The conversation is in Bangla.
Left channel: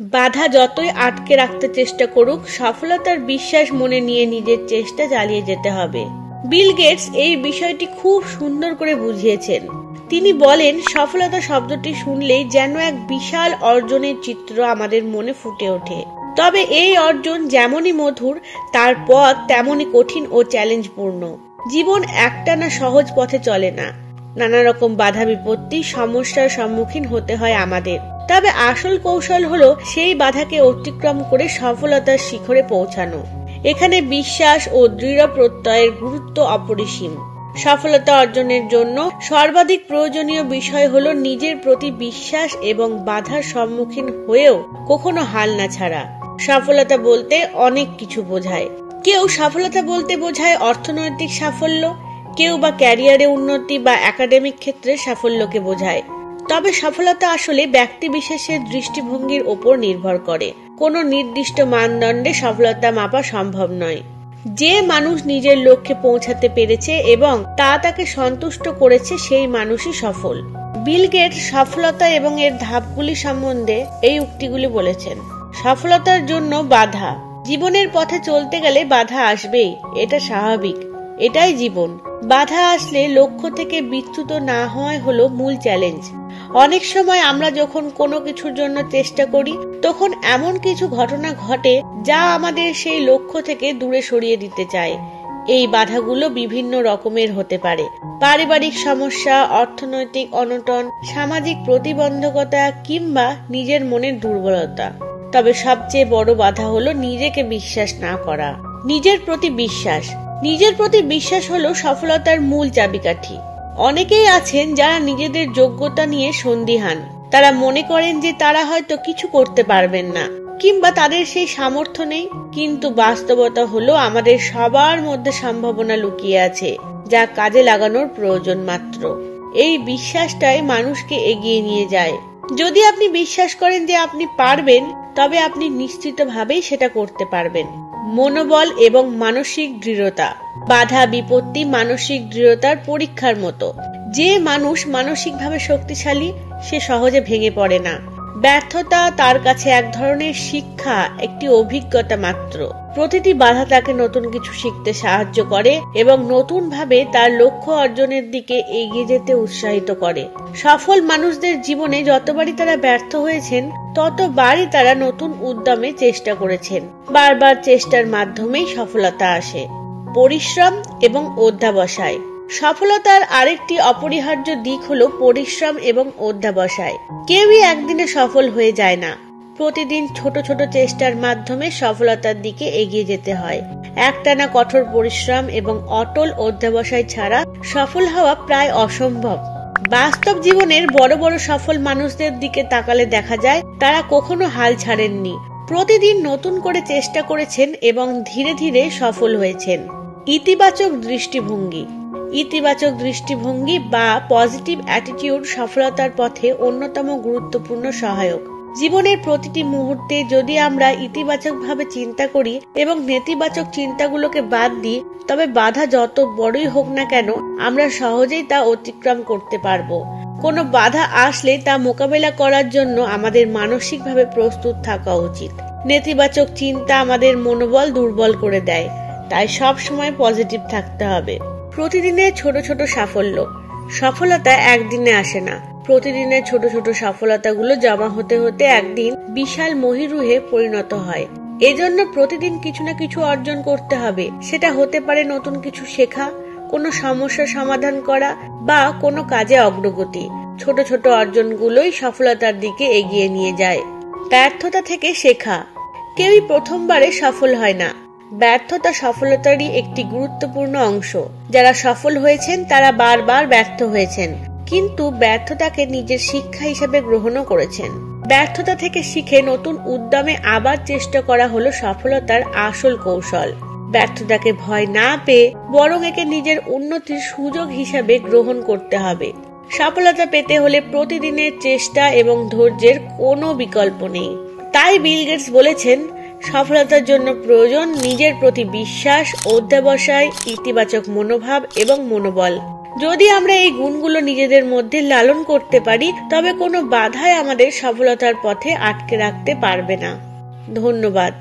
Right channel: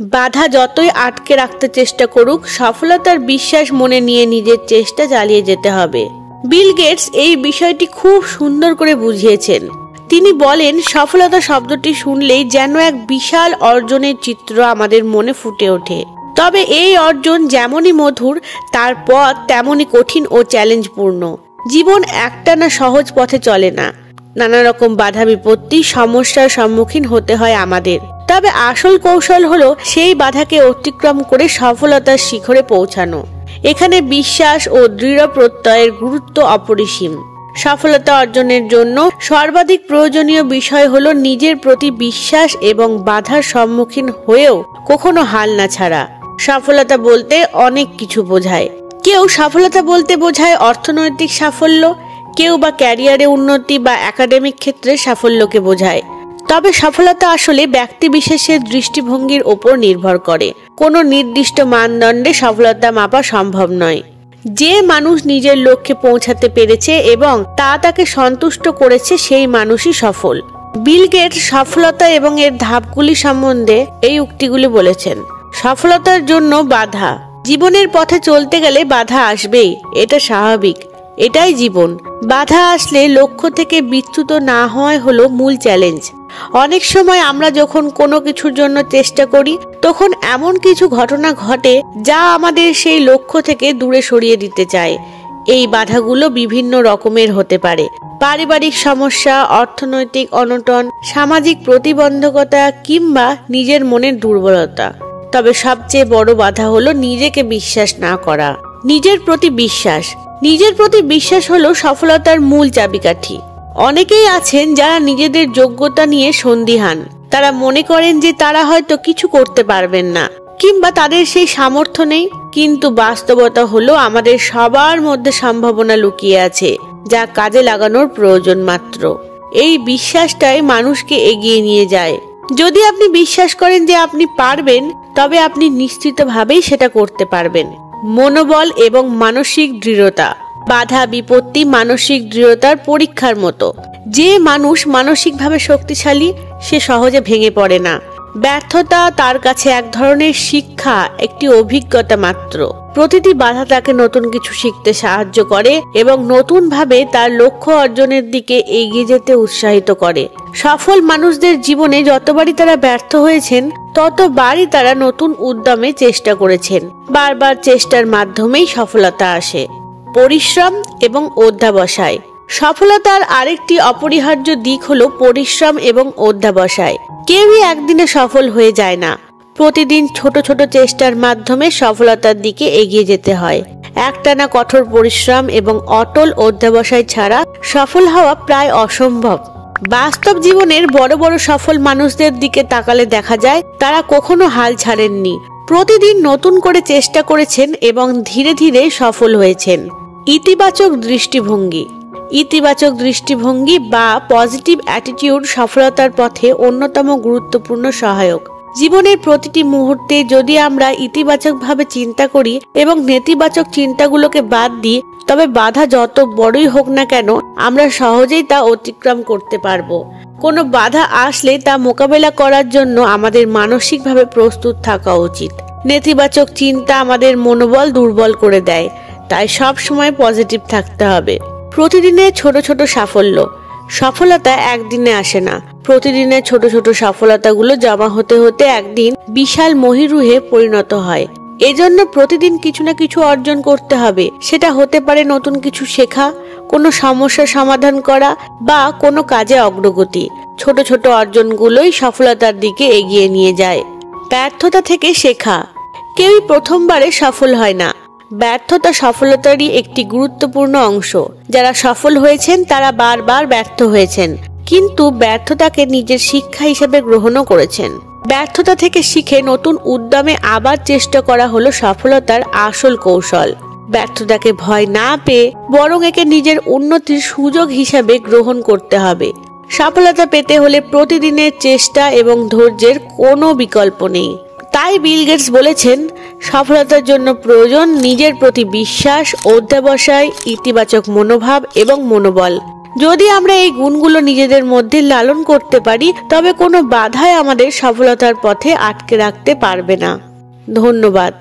বাধা যতই আটকে রাখতে চেষ্টা করুক, সফলতার বিশ্বাস মনে নিয়ে নিজের চেষ্টা চালিয়ে যেতে হবে। বিল গেটস এই বিষয়টি খুব সুন্দর করে বুঝিয়েছেন। তিনি বলেন, সফলতা শব্দটি শুনলেই যেন এক বিশাল অর্জনের চিত্র আমাদের মনে ফুটে ওঠে। তবে এই অর্জন যেমনই মধুর, তার পথ তেমনই কঠিন ও চ্যালেঞ্জপূর্ণ। জীবন একটানা সহজ পথে চলে না, নানা রকম বাধা বিপত্তি সমস্যার সম্মুখীন হতে হয় আমাদের। তবে আসল কৌশল হলো সেই বাধাকে অতিক্রম করে সফলতার শিখরে পৌঁছানো। এখানে বিশ্বাস ও দৃঢ় প্রত্যয়ের গুরুত্ব অপরিসীম। সফলতা অর্জনের জন্য সর্বাধিক প্রয়োজনীয় বিষয় হলো নিজের প্রতি বিশ্বাস এবং বাধার সম্মুখীন হয়েও কখনো হাল না ছাড়া। সফলতা বলতে অনেক কিছু বোঝায়। কেউ সফলতা বলতে বোঝায় অর্থনৈতিক সাফল্য, কেউ বা ক্যারিয়ারে উন্নতি বা একাডেমিক ক্ষেত্রে সাফল্যকে বোঝায়। তবে সফলতা আসলে ব্যক্তি বিশেষের দৃষ্টিভঙ্গির ওপর নির্ভর করে। কোনো নির্দিষ্ট মানদণ্ডে সফলতা মাপা সম্ভব নয়। যে মানুষ নিজের লক্ষ্যে পৌঁছাতে পেরেছে এবং তা তাকে সন্তুষ্ট করেছে, সেই মানুষই সফল। বিল গেটস সফলতা এবং এর ধাপগুলি সম্বন্ধে এই উক্তিগুলি বলেছেন। সফলতার জন্য বাধা। জীবনের পথে চলতে গেলে বাধা আসবেই, এটা স্বাভাবিক, এটাই জীবন। বাধা আসলে লক্ষ্য থেকে বিচ্যুত না হওয়াই হলো মূল চ্যালেঞ্জ। অনেক সময় আমরা যখন কোনো কিছুর জন্য চেষ্টা করি, তখন এমন কিছু ঘটনা ঘটে যা আমাদের সেই লক্ষ্য থেকে দূরে সরিয়ে দিতে চায়। এই বাধাগুলো বিভিন্ন রকমের হতে পারে। পারিবারিক সমস্যা, অর্থনৈতিক অনটন, সামাজিক প্রতিবন্ধকতা কিংবা নিজের মনের দুর্বলতা। তবে সবচেয়ে বড় বাধা হলো নিজেকে বিশ্বাস না করা। নিজের প্রতি বিশ্বাস। নিজের প্রতি বিশ্বাস হলো সফলতার মূল চাবিকাঠি। অনেকেই আছেন যারা নিজেদের যোগ্যতা নিয়ে সন্দিহান। তারা মনে করেন যে তারা হয়তো কিছু করতে পারবেন না কিংবা তাদের সেই সামর্থ্য নেই। কিন্তু বাস্তবতা হলো আমাদের সবার মধ্যে সম্ভাবনা লুকিয়ে আছে, যা কাজে লাগানোর প্রয়োজন মাত্র। এই বিশ্বাসটাই মানুষকে এগিয়ে নিয়ে যায়। যদি আপনি বিশ্বাস করেন যে আপনি পারবেন, তবে আপনি নিশ্চিতভাবেই সেটা করতে পারবেন। মনোবল এবং মানসিক দৃঢ়তা। বাধা বিপত্তি মানসিক দৃঢ়তার পরীক্ষার মতো। যে মানুষ মানসিকভাবে শক্তিশালী, সে সহজে ভেঙে পড়ে না। ব্যর্থতা তার কাছে এক ধরনের শিক্ষা, একটি অভিজ্ঞতা মাত্র। প্রতিটি বাধা তাকে নতুন কিছু শিখতে সাহায্য করে এবং নতুন ভাবে তার লক্ষ্য অর্জনের দিকে এগিয়ে যেতে উৎসাহিত করে। সফল মানুষদের জীবনে যতবারই তারা ব্যর্থ হয়েছেন, ততবারই তারা নতুন উদ্যমে চেষ্টা করেছেন। বারবার চেষ্টার মাধ্যমেই সফলতা আসে। পরিশ্রম এবং অধ্যবসায়। সফলতার আরেকটি অপরিহার্য দিক হলো পরিশ্রম এবং অধ্যবসায়। কেউই একদিনে সফল হয়ে যায় না। প্রতিদিন ছোট ছোট চেষ্টার মাধ্যমে সফলতার দিকে এগিয়ে যেতে হয়। একটানা কঠোর পরিশ্রম এবং অটল অধ্যবসায় ছাড়া সফল হওয়া প্রায় অসম্ভব। বাস্তব জীবনের বড় বড় সফল মানুষদের দিকে তাকালে দেখা যায় তারা কখনো হাল ছাড়েননি। প্রতিদিন নতুন করে চেষ্টা করেছেন এবং ধীরে ধীরে সফল হয়েছেন। ইতিবাচক দৃষ্টিভঙ্গি। ইতিবাচক দৃষ্টিভঙ্গি বা পজিটিভ অ্যাটিটিউড সফলতার পথে অন্যতম গুরুত্বপূর্ণ সহায়ক। জীবনের প্রতিটি মুহূর্তে যদি আমরা ইতিবাচকভাবে চিন্তা করি এবং নেতিবাচক চিন্তাগুলোকে বাদ দিই, তবে বাধা যত বড়ই হোক না কেন, আমরা সহজেই তা অতিক্রম করতে পারবো। কোনো বাধা আসলে তা মোকাবেলা করার জন্য আমাদের মানসিকভাবে প্রস্তুত থাকা উচিত। নেতিবাচক চিন্তা আমাদের মনোবল দুর্বল করে দেয়, তাই সব সময় পজিটিভ থাকতে হবে। প্রতিদিনের ছোট ছোট সাফল্য। সফলতা একদিনে আসে না। প্রতিদিনের ছোট ছোট সফলতাগুলো জমা হতে হতে একদিন বিশাল মহীরুহে পরিণত হয়। এজন্য প্রতিদিন কিছু না কিছু অর্জন করতে হবে। সেটা হতে পারে নতুন কিছু শেখা, কোনো সমস্যার সমাধান করা বা কোনো কাজে অগ্রগতি। ছোট ছোট অর্জনগুলোই সফলতার দিকে এগিয়ে নিয়ে যায়। ব্যর্থতা থেকে শেখা। কেউই প্রথমবারে সফল হয় না। ব্যর্থতা সফলতারই একটি গুরুত্বপূর্ণ অংশ। যারা সফল হয়েছেন তারা বারবার ব্যর্থ হয়েছেন, কিন্তু ব্যর্থতাকে নিজের শিক্ষা হিসেবে গ্রহণও করেছেন। ব্যর্থতা থেকে শিখে নতুন উদ্যমে আবার চেষ্টা করা হলো সফলতার আসল কৌশল। ব্যর্থতাকে ভয় না পেয়ে বরং একে নিজের উন্নতির সুযোগ হিসাবে গ্রহণ করতে হবে। সফলতা পেতে হলে প্রতিদিনের চেষ্টা এবং ধৈর্যের কোনো বিকল্প নেই। তাই বিল গেটস বলেছেন, সফলতার জন্য প্রয়োজন নিজের প্রতি বিশ্বাস, অধ্যবসায়, ইতিবাচক মনোভাব এবং মনোবল। যদি আমরা এই গুণগুলো নিজেদের মধ্যে লালন করতে পারি তবে কোনো বাধাই আমাদের সফলতার পথে আটকে রাখতে পারবে না। ধন্যবাদ।